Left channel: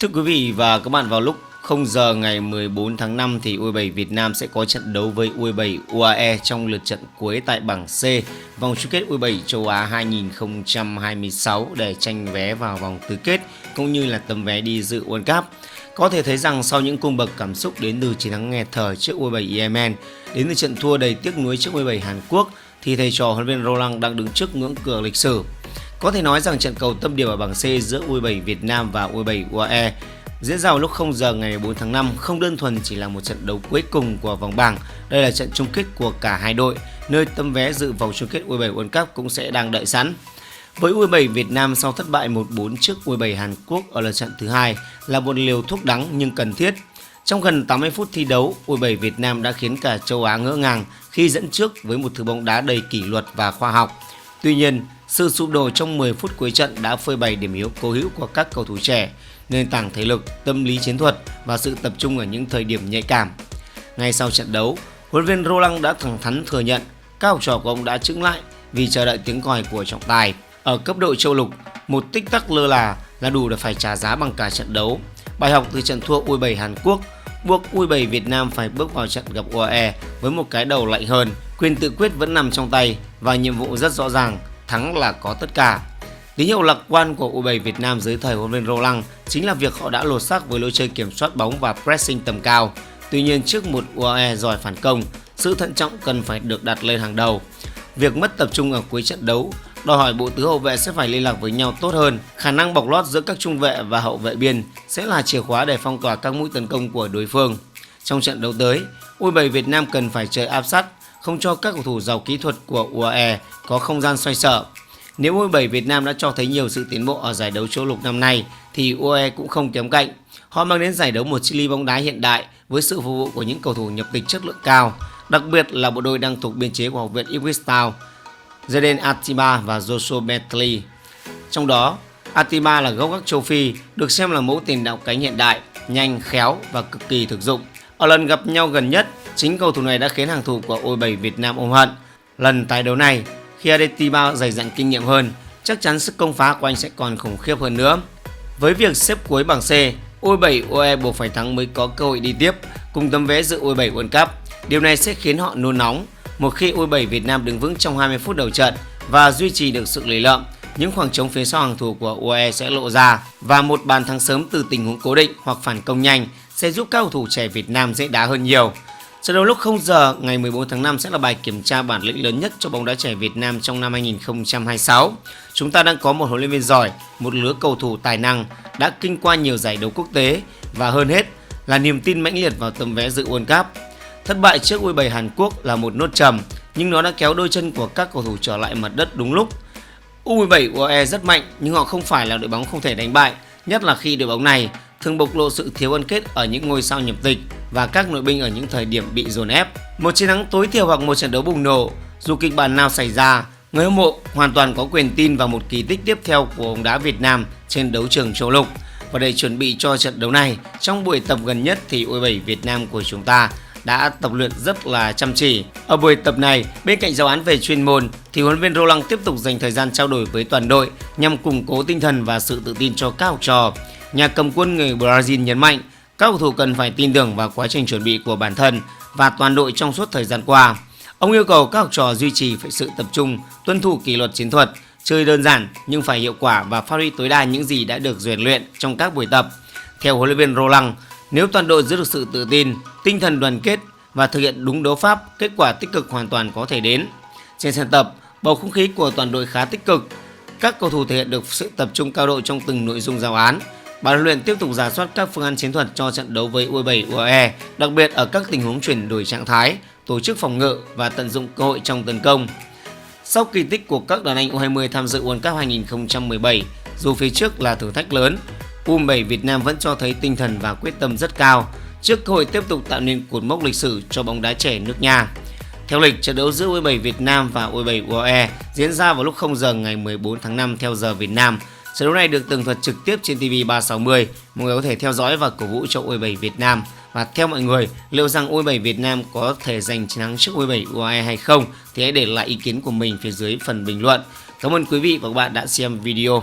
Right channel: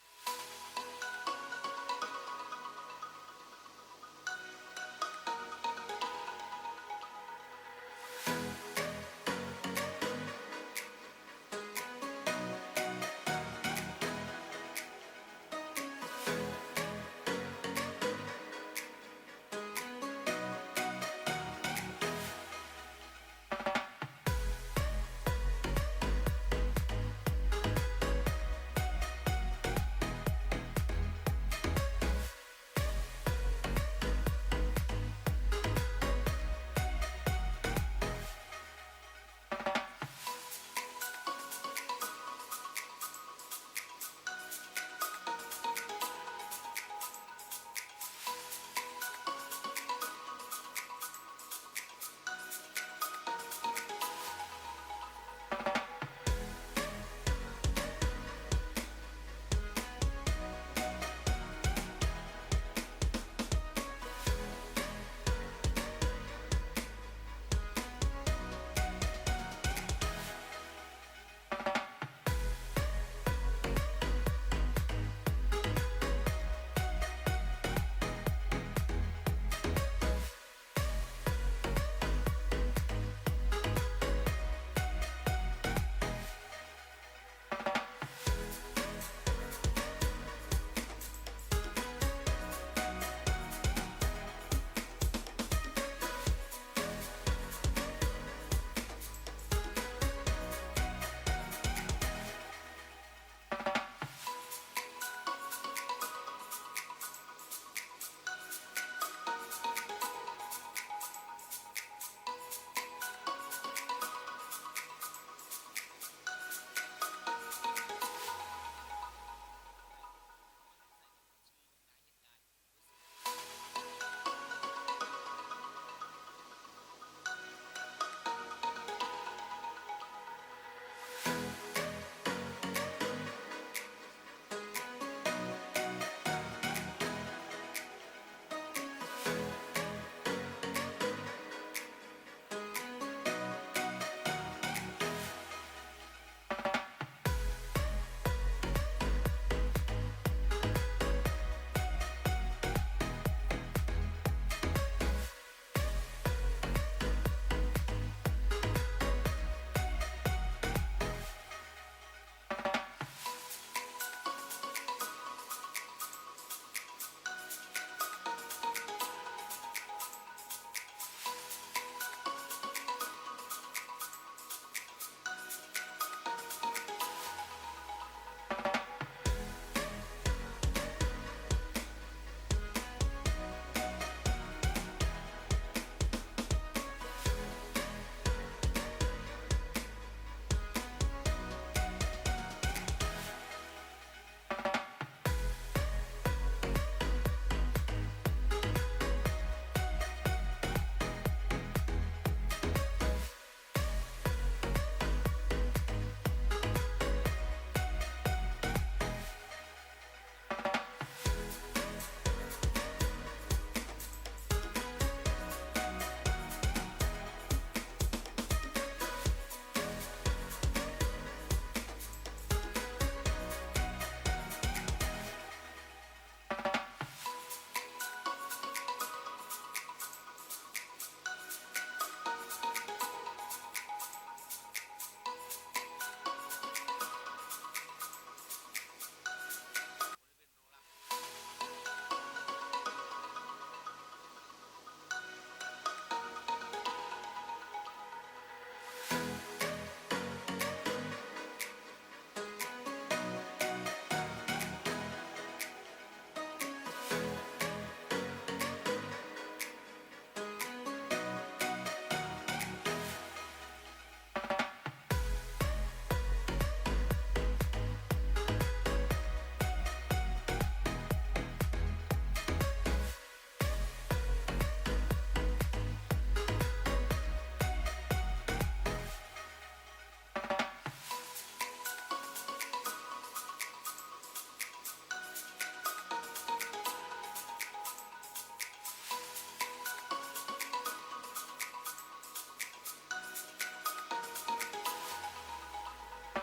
Thưa quý vị và các bạn, vào lúc 0 giờ ngày 14 tháng 5 thì U17 Việt Nam sẽ có trận đấu với U17 UAE trong lượt trận cuối tại bảng C vòng chung kết U17 châu Á 2026 để tranh vé vào vòng tứ kết cũng như là tấm vé đi dự World Cup. Có thể thấy rằng sau những cung bậc cảm xúc đến từ chiến thắng nghẹt thở trước U17 Yemen, đến từ trận thua đầy tiếc nuối trước U17 Hàn Quốc, thì thầy trò huấn luyện viên Roland đang đứng trước ngưỡng cửa lịch sử. Có thể nói rằng trận cầu tâm điểm ở bảng C giữa U17 Việt Nam và U17 UAE diễn ra vào lúc 0 giờ ngày 14 tháng 5 không đơn thuần chỉ là một trận đấu cuối cùng của vòng bảng. Đây là trận chung kết của cả hai đội, nơi tấm vé dự vòng chung kết U17 World Cup cũng sẽ đang đợi sẵn. Với U17 Việt Nam sau thất bại 1-4 trước U17 Hàn Quốc ở lượt trận thứ hai là một liều thuốc đắng nhưng cần thiết. Trong gần 80 phút thi đấu, U17 Việt Nam đã khiến cả châu Á ngỡ ngàng khi dẫn trước với một thứ bóng đá đầy kỷ luật và khoa học. Tuy nhiên, sự sụp đổ trong 10 phút cuối trận đã phơi bày điểm yếu cố hữu của các cầu thủ trẻ, nền tảng thể lực, tâm lý chiến thuật và sự tập trung ở những thời điểm nhạy cảm. Ngay sau trận đấu, huấn luyện viên Roland đã thẳng thắn thừa nhận các học trò của ông đã chững lại vì chờ đợi tiếng còi của trọng tài. Ở cấp độ châu lục, một tích tắc lơ là đủ để phải trả giá bằng cả trận đấu. Bài học từ trận thua U17 Hàn Quốc buộc U17 Việt Nam phải bước vào trận gặp UAE với một cái đầu lạnh hơn, quyền tự quyết vẫn nằm trong tay và nhiệm vụ rất rõ ràng, thắng là có tất cả. Tín hiệu lạc quan của U17 Việt Nam dưới thời huấn luyện viên Roland chính là việc họ đã lột xác với lối chơi kiểm soát bóng và pressing tầm cao. Tuy nhiên, trước một UAE giỏi phản công, sự thận trọng cần phải được đặt lên hàng đầu. Việc mất tập trung ở cuối trận đấu đòi hỏi bộ tứ hậu vệ sẽ phải liên lạc với nhau tốt hơn. Khả năng bọc lót giữa các trung vệ và hậu vệ biên sẽ là chìa khóa để phong tỏa các mũi tấn công của đối phương. Trong trận đấu tới, U17 Việt Nam cần phải chơi áp sát, không cho các cầu thủ giàu kỹ thuật của UAE có không gian xoay sở. Nếu U17 Việt Nam đã cho thấy nhiều sự tiến bộ ở giải đấu châu lục năm nay thì UAE cũng không kém cạnh. Họ mang đến giải đấu một chili bóng đá hiện đại với sự phục vụ của những cầu thủ nhập tịch chất lượng cao, đặc biệt là bộ đôi đang thuộc biên chế của học viện Ipswich Town, Jaden Atiba và Joshua Bentley. Trong đó, Atiba là gốc gác châu Phi, được xem là mẫu tiền đạo cánh hiện đại, nhanh, khéo và cực kỳ thực dụng. Ở lần gặp nhau gần nhất, chính cầu thủ này đã khiến hàng thủ của U17 Việt Nam ôm hận. Lần tái đấu này, khi Atiba dày dặn kinh nghiệm hơn, chắc chắn sức công phá của anh sẽ còn khủng khiếp hơn nữa. Với việc xếp cuối bảng C, U17 UAE buộc phải thắng mới có cơ hội đi tiếp cùng tấm vé dự U17 World Cup. Điều này sẽ khiến họ nôn nóng. Một khi U17 Việt Nam đứng vững trong 20 phút đầu trận và duy trì được sự lì lợm, những khoảng trống phía sau hàng thủ của UAE sẽ lộ ra và một bàn thắng sớm từ tình huống cố định hoặc phản công nhanh sẽ giúp các cầu thủ trẻ Việt Nam dễ đá hơn nhiều. Trận đấu lúc 0 giờ ngày 14 tháng 5 sẽ là bài kiểm tra bản lĩnh lớn nhất cho bóng đá trẻ Việt Nam trong năm 2026. Chúng ta đang có một huấn luyện viên giỏi, một lứa cầu thủ tài năng đã kinh qua nhiều giải đấu quốc tế và hơn hết là niềm tin mãnh liệt vào tấm vé dự World Cup. Thất bại trước U17 Hàn Quốc là một nốt trầm, nhưng nó đã kéo đôi chân của các cầu thủ trở lại mặt đất đúng lúc. U17 UAE rất mạnh nhưng họ không phải là đội bóng không thể đánh bại, nhất là khi đội bóng này thường bộc lộ sự thiếu gắn kết ở những ngôi sao nhập tịch và các nội binh ở những thời điểm bị dồn ép. Một chiến thắng tối thiểu hoặc một trận đấu bùng nổ, dù kịch bản nào xảy ra, người hâm mộ hoàn toàn có quyền tin vào một kỳ tích tiếp theo của bóng đá Việt Nam trên đấu trường châu lục. Và để chuẩn bị cho trận đấu này, trong buổi tập gần nhất thì U17 Việt Nam của chúng ta đã tập luyện rất là chăm chỉ. Ở buổi tập này, bên cạnh giáo án về chuyên môn thì huấn luyện viên Roland tiếp tục dành thời gian trao đổi với toàn đội nhằm củng cố tinh thần và sự tự tin cho các học trò. Nhà cầm quân người Brazil nhấn mạnh các cầu thủ cần phải tin tưởng vào quá trình chuẩn bị của bản thân và toàn đội trong suốt thời gian qua. Ông yêu cầu các học trò duy trì sự tập trung, tuân thủ kỷ luật chiến thuật, chơi đơn giản nhưng phải hiệu quả và phát huy tối đa những gì đã được rèn luyện trong các buổi tập. Theo huấn luyện viên Roland, nếu toàn đội giữ được sự tự tin, tinh thần đoàn kết và thực hiện đúng đấu pháp, kết quả tích cực hoàn toàn có thể đến. Trên sân tập, bầu không khí của toàn đội khá tích cực. Các cầu thủ thể hiện được sự tập trung cao độ trong từng nội dung giáo án. Ban huấn luyện tiếp tục rà soát các phương án chiến thuật cho trận đấu với U17 UAE, đặc biệt ở các tình huống chuyển đổi trạng thái, tổ chức phòng ngự và tận dụng cơ hội trong tấn công. Sau kỳ tích của các đàn anh U20 tham dự World Cup 2017, dù phía trước là thử thách lớn, U17 Việt Nam vẫn cho thấy tinh thần và quyết tâm rất cao trước cơ hội tiếp tục tạo nên cột mốc lịch sử cho bóng đá trẻ nước nhà. Theo lịch, trận đấu giữa U17 Việt Nam và U17 UAE diễn ra vào lúc 0 giờ ngày 14 tháng 5 theo giờ Việt Nam. Trận đấu này được tường thuật trực tiếp trên TV360. Mọi người có thể theo dõi và cổ vũ cho U17 Việt Nam. Và theo mọi người, liệu rằng U17 Việt Nam có thể giành chiến thắng trước U17 UAE hay không thì hãy để lại ý kiến của mình phía dưới phần bình luận. Cảm ơn quý vị và các bạn đã xem video.